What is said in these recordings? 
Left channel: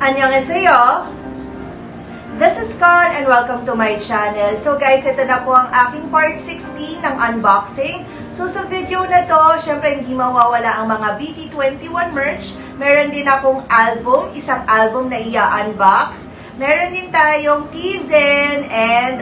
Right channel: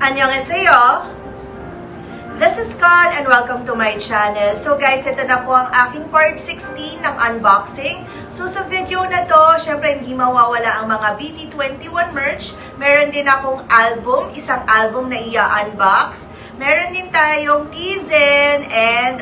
Annyeonghaseyo! This is Con and welcome to my channel. So guys, ito na po ang aking part 16 ng unboxing. So sa video na to, syempre hindi mawawala ang mga BT21 merch. Meron din akong album, isang album na i-unbox. Meron din tayong Teazen and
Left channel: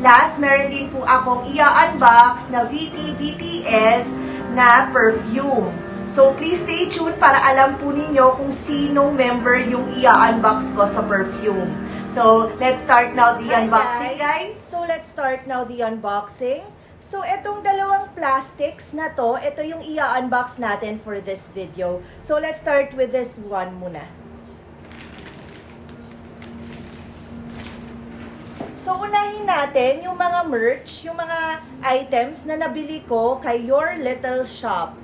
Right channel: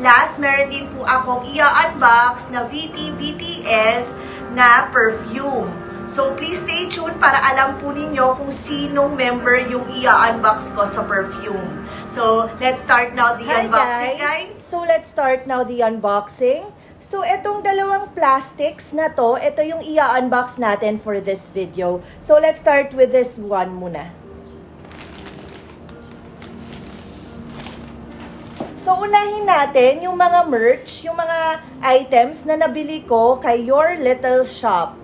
last, meron din po akong i-unbox na BTS na Perfume. So, please stay tuned para alam po ninyo kung sinong member yung i-unbox ko sa Perfume. So, let's start now the unboxing, guys. So, let's start now the unboxing. So, itong dalawang plastics na to, ito yung i-unbox natin for this video. So, let's start with this one muna. So, unahin natin yung mga merch, yung mga items na nabili ko kay Your Little Shop.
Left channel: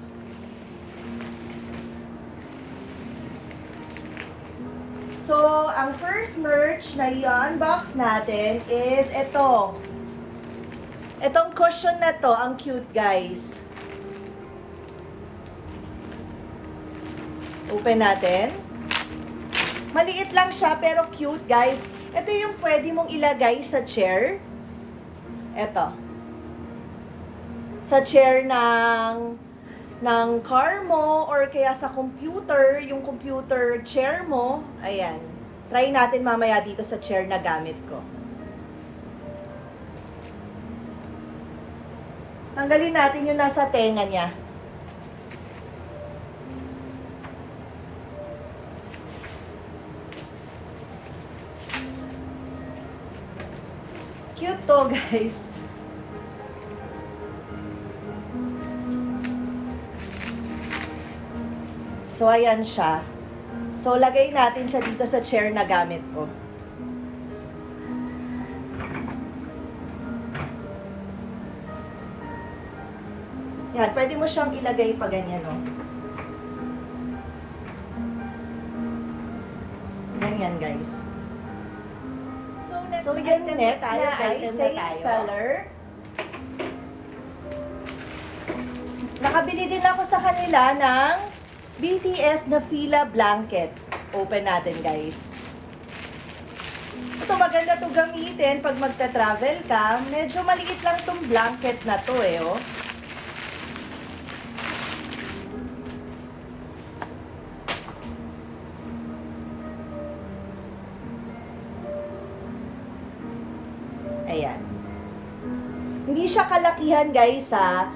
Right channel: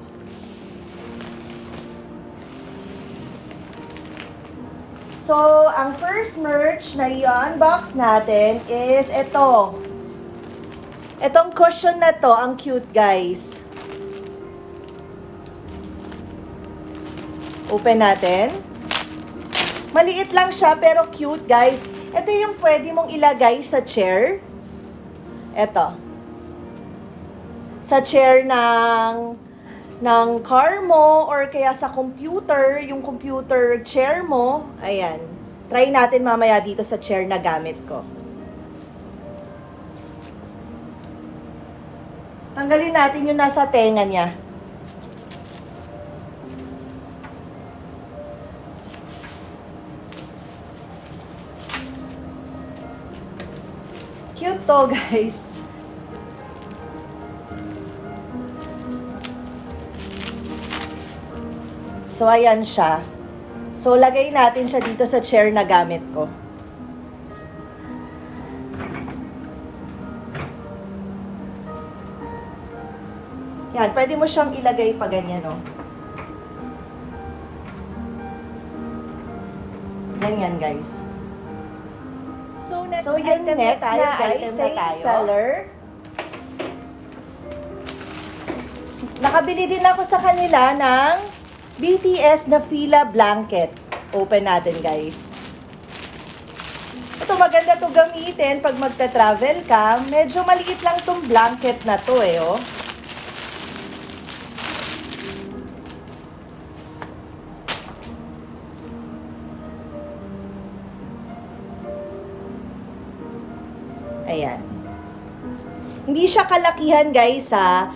So, ang first merch na i-unbox natin is ito. Itong cushion na to, ang cute, guys. Open natin. Maliit lang siya, pero cute, guys. Ito yung pwede mong ilagay sa chair. Ito. Sa chair ng car mo or kaya sa computer, yung computer chair mo. Ayan. Try natin mamaya dito sa chair na gamit ko. Tanggalin natin yung nasa tenga niya. Cute to, guys. So, ayan siya. So, lagay natin siya dito sa chair na gamit ko. Yan, pwede mo siyang ilagay pa ganyan, no? Ganyan, guys. So, yun next na item na tayo. Seller. Nakabili din ako sa kanila ng BTS na Fila blanket. Open natin, guys. Ito, maganda to gamitin pag magta-travel ka. Medyo maliit lang tong blanket na to, eh, oh. Ayan. Hindi siya kalakihan, guys, ha.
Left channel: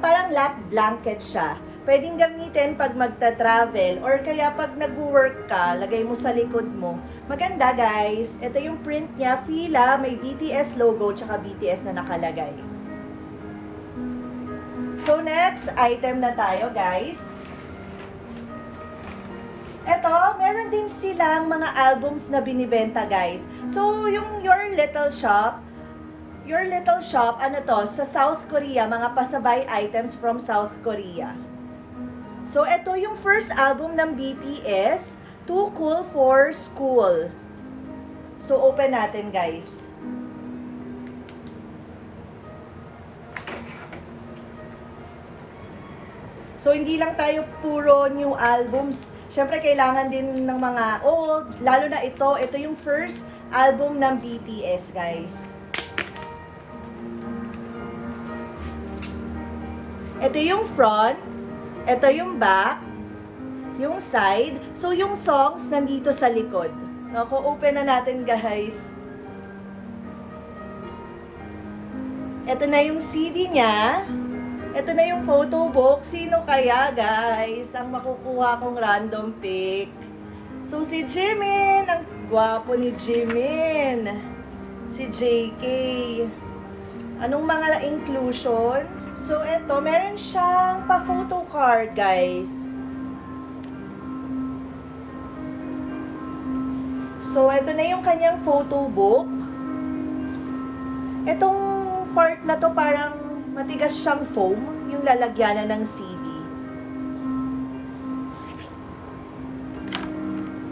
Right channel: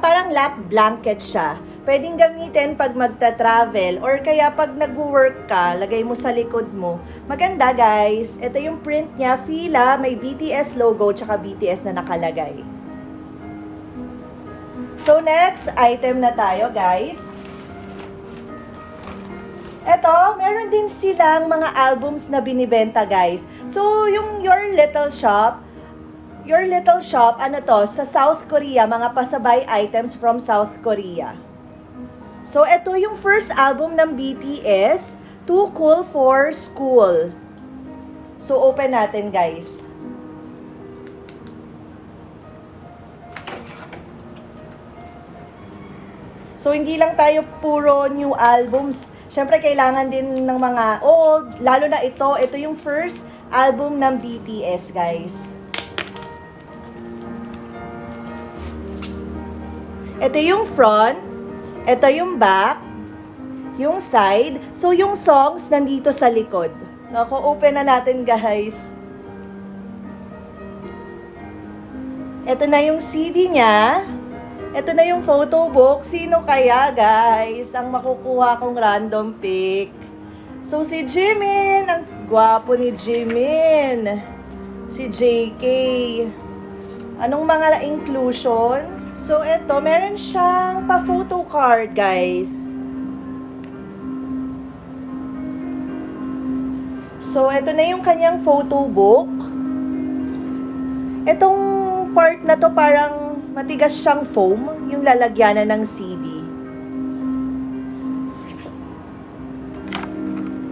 Parang lap blanket siya. Pwedeng gamitin pag magta-travel or kaya pag nag-work ka, lagay mo sa likod mo. Maganda, guys. Ito yung print niya, Fila, may BTS logo tsaka BTS na nakalagay. So, next item na tayo, guys. Ito, meron din silang mga albums na binibenta, guys. So, yung Your Little Shop, ano to, sa South Korea, mga pasabay items from South Korea. So, ito yung first album ng BTS, Too Cool for School. So, open natin, guys. So, hindi lang tayo puro new albums. Siyempre, kailangan din ng mga old, lalo na ito yung first album ng BTS, guys. Ito yung front, ito yung back, yung side. So, yung songs nandito sa likod. Ako, open na natin, guys. Ito na yung CD niya. Ito na yung photo book. Sino kaya, guys, ang makukuha kong random pick? So, si Jimin. Ang gwapo ni Jimin. Si JK. Anong mga inclusion? So, ito, meron siyang pa-photo card, guys. So, ito na yung kanyang photo book. Itong part na to parang matigas siyang foam, yung lalagyanan ng CD.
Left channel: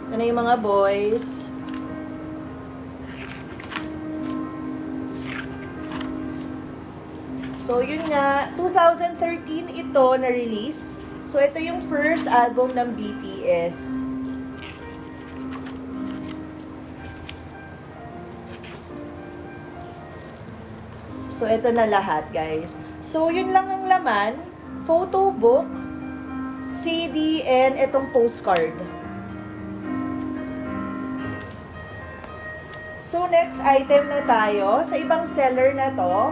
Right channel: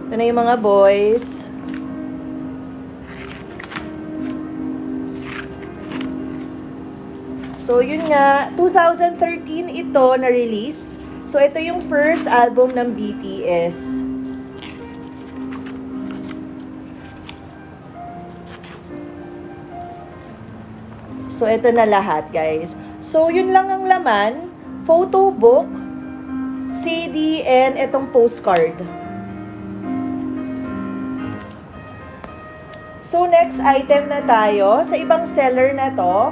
Ito na yung mga boys. So, yun nga, 2013 ito na-release. So, ito yung first album ng BTS. So, ito na lahat, guys. So, yun lang ang laman. Photo book, CD, and itong postcard. So, next item na tayo. Sa ibang seller na to,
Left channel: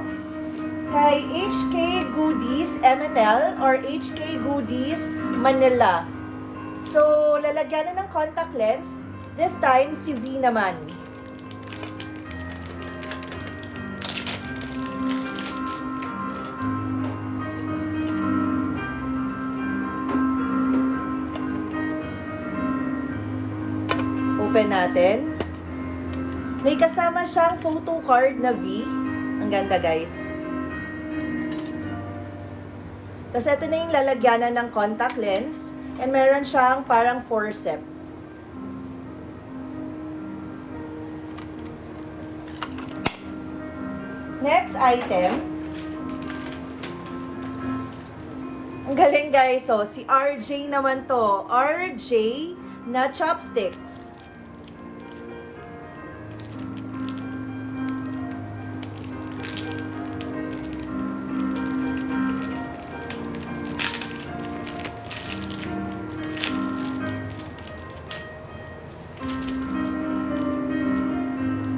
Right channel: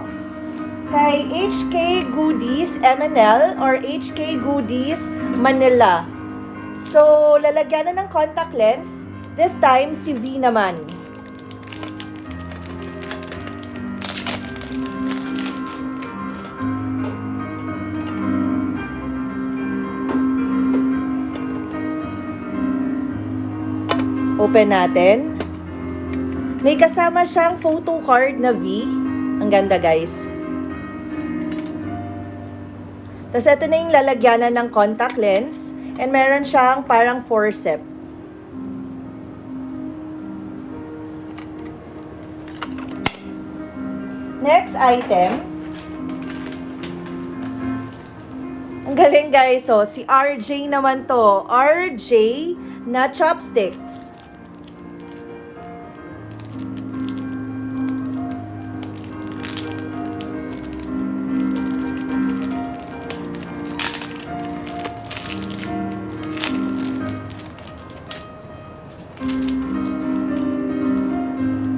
kay HK Goodies MNL or HK Goodies Manila. So, lalagyan na ng contact lens. This time, si V naman. Open natin. May kasama siyang photo card na V. Ang ganda, guys. Tapos ito na yung lalagyanan ng contact lens. And meron siyang parang forceps. Next item. Ang galing, guys. So, si RJ naman to. RJ na chopsticks.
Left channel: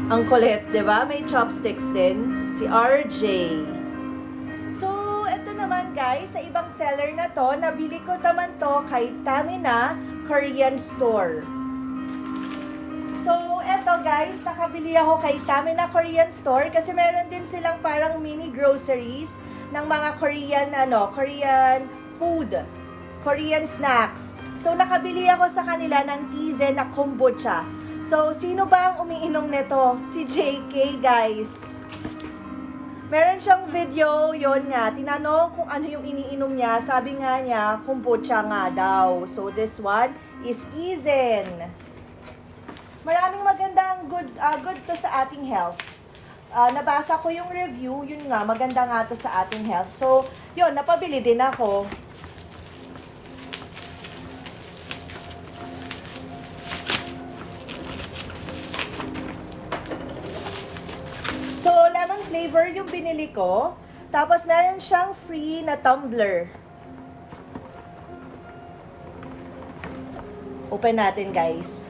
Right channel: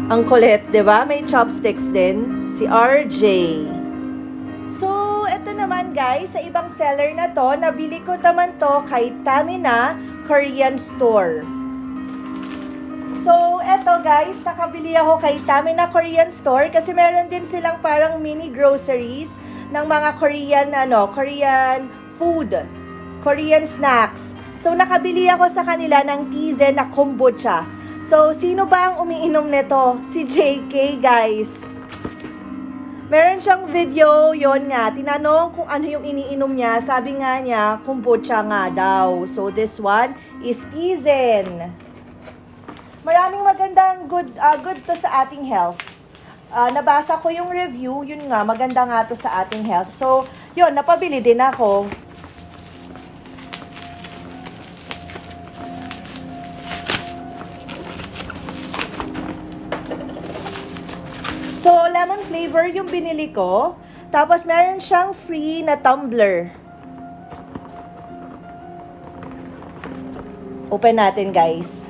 Ang kulit, 'di ba? May chopsticks din si RJ. So, ito naman, guys, sa ibang seller na to, nabili ko naman to kay Tamina Korean Store. So, eto, guys, nakabili ako kay Tamina Korean Store kasi meron din silang parang mini groceries ng mga Korean Korean food, Korean snacks. So, nakabili ako sa kanila ng Teazen na kombucha. So, sino ba ang umiinom nito? Si JK, guys. Meron siyang video, yon nga. Tinanong kung ano yung iniinom niya. Sabi nga niya, kombucha nga daw. So, this one is Teazen. Maraming magandang good to sa ating health. Nabasa ko yung review, yun nga, maganda nga to sa ating health. So, yun, napabili din ako. So, lemon flavor yung binili ko. Tapos, meron siyang free na tumbler. Open natin, guys.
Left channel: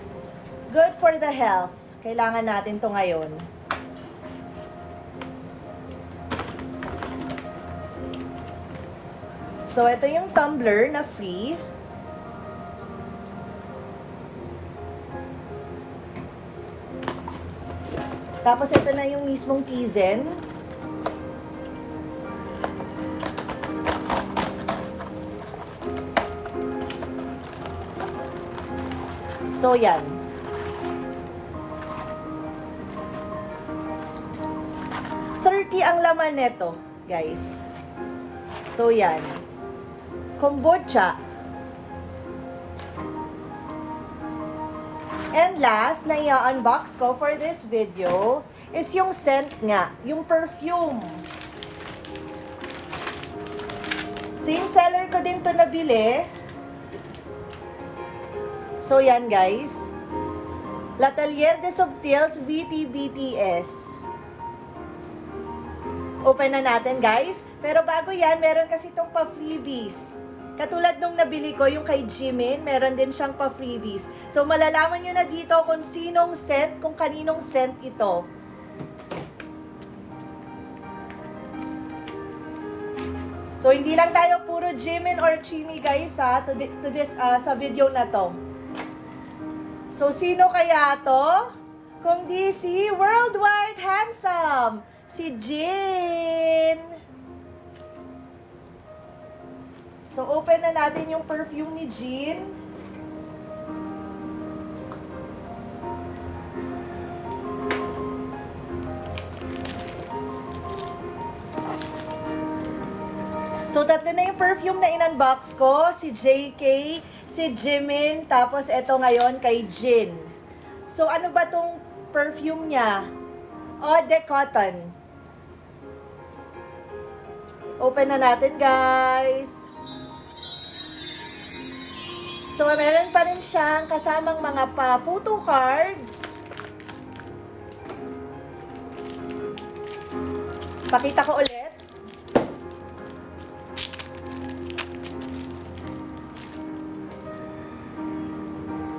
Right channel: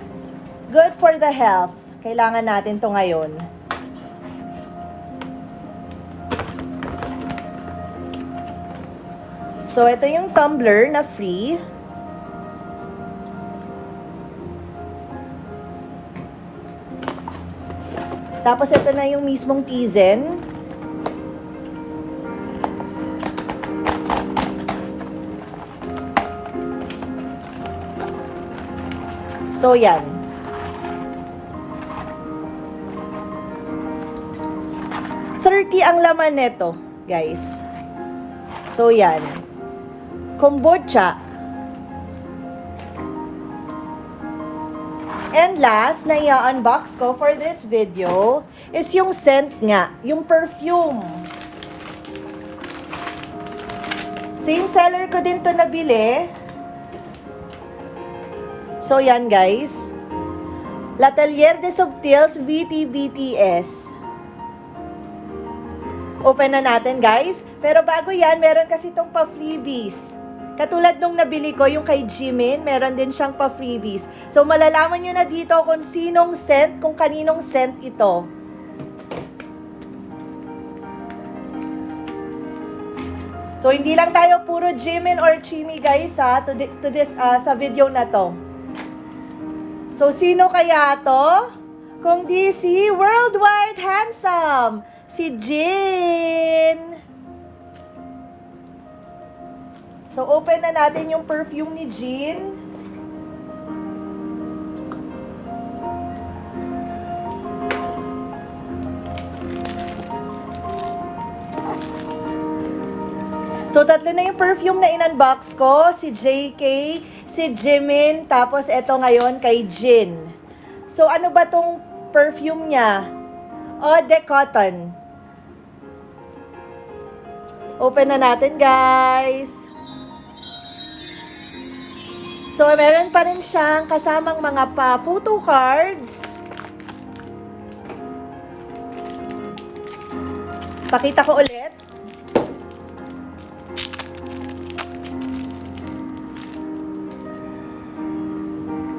Good for the health. Kailangan natin to ngayon. So, ito yung tumbler na free. Tapos, ito na yung mismong Teazen. So, yan. $30 ang laman nito, guys. So, yan. Kombucha. And last na i-unbox ko for this video is yung scent nga, yung perfume. Same seller ko din to nabili. So yan, guys. L'Atelier des Subtils BTS. Open na natin, guys. Pero bago yan, meron kasi itong pa-freebies. Katulad nung nabili ko, yung kay Jimin, meron din siyang pa-freebies. So, malalaman nyo na dito kung sinong scent, kung kaninong scent ito. So, hindi lang tayo puro Jimin or Chimi, guys, ha, sa video na to. So, sino kaya to? Kung di si Worldwide Handsome, si Jin. So, open na natin yung perfume ni Jin. So, tatlo na yung perfume na in-unbox ko. Si JK, si Jimin, tapos eto ngayon kay Jin. So, ano ba tong perfume niya? Eau de Cotton. Open na natin, guys. So, meron pa rin siyang kasamang mga photo cards. Pakita ko ulit.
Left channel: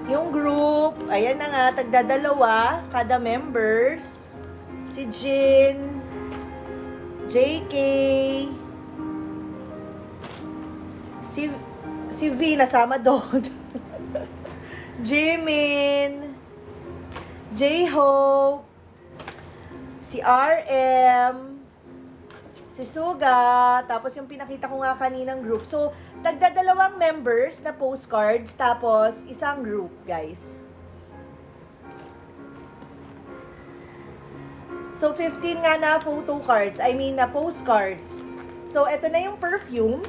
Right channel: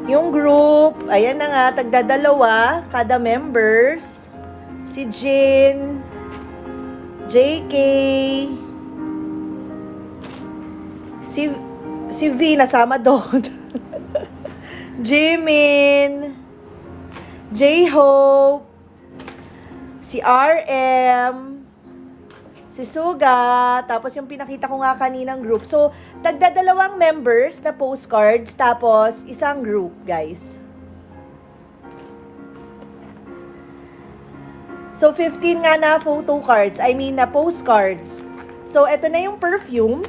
Yung group, ayan na nga, tagdadalawa, kada members. Si Jin, JK, si V nasama doon. Jimin, J-Hope, si RM, si Suga, tapos yung pinakita ko nga kaninang group. So, tagdadalawang members na postcards, tapos isang group, guys. So, 15 nga na photo cards, na postcards. So, eto na yung perfume.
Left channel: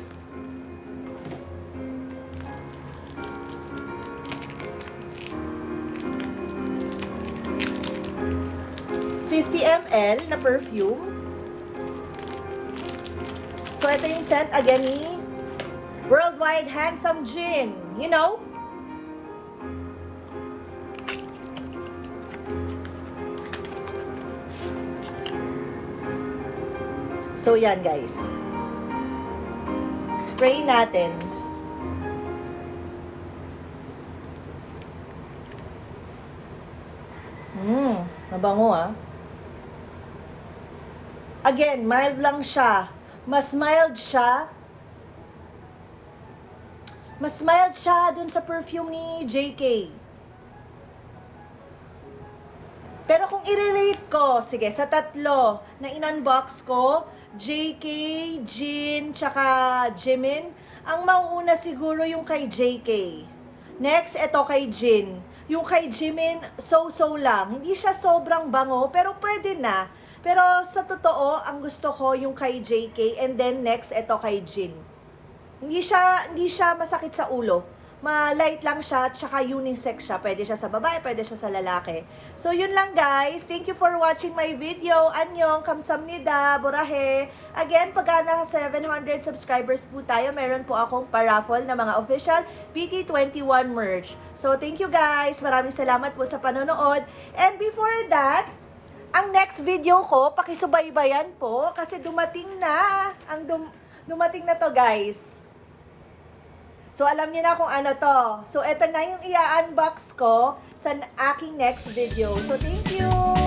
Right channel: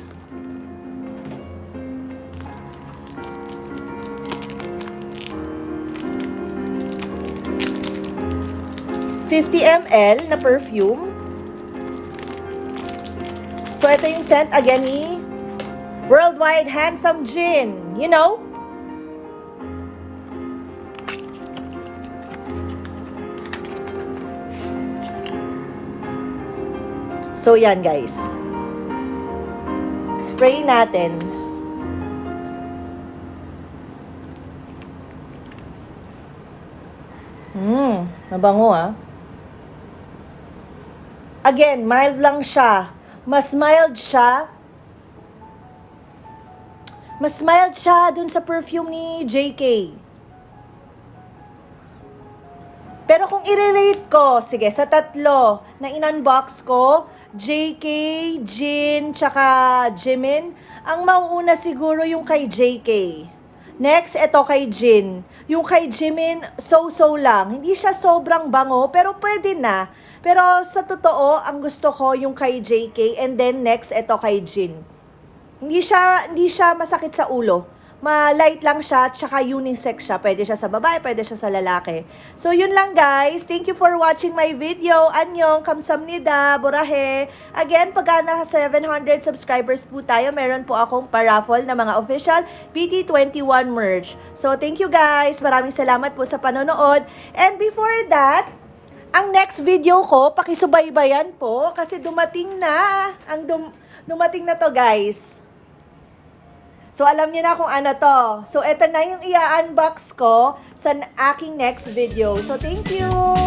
ml na perfume. So, ito yung scent again ni Worldwide Handsome Jin. You know? So, yan guys. Spray natin. Nabango ah. Again, mild lang siya. Mas mild siya dun sa perfume ni JK. Pero kung i-rate ko, sige, sa tatlo na in-unbox ko, JK, Jin, tsaka Jimin, ang mauuna siguro yung kay JK. Next, ito kay Jin. Yung kay Jimin, so-so lang. Hindi siya sobrang bango, pero pwede na. Pero sa totoo, ang gusto ko yung kay JK, and then next, ito kay Jin. Hindi siya masakit sa ulo. Ma-light lang siya, tsaka unisex siya. Pwede siya sa babae, pwede siya sa lalaki. So, yun lang guys. Thank you for watching my video. Annyeong, kamsamnida, burahe. Again, pag nasa 700 subscribers po tayo, meron po akong paraffle na mga official BT21 merch. So, thank you guys. Maraming salamat po sa panonood. And before that, ang next video ko, pakisubaybayan po kasi dumating na. Dumating na to guys. So, alam niyo na kung ano to. So, eto na yung i-unbox ko sa aking next video. So, thank you!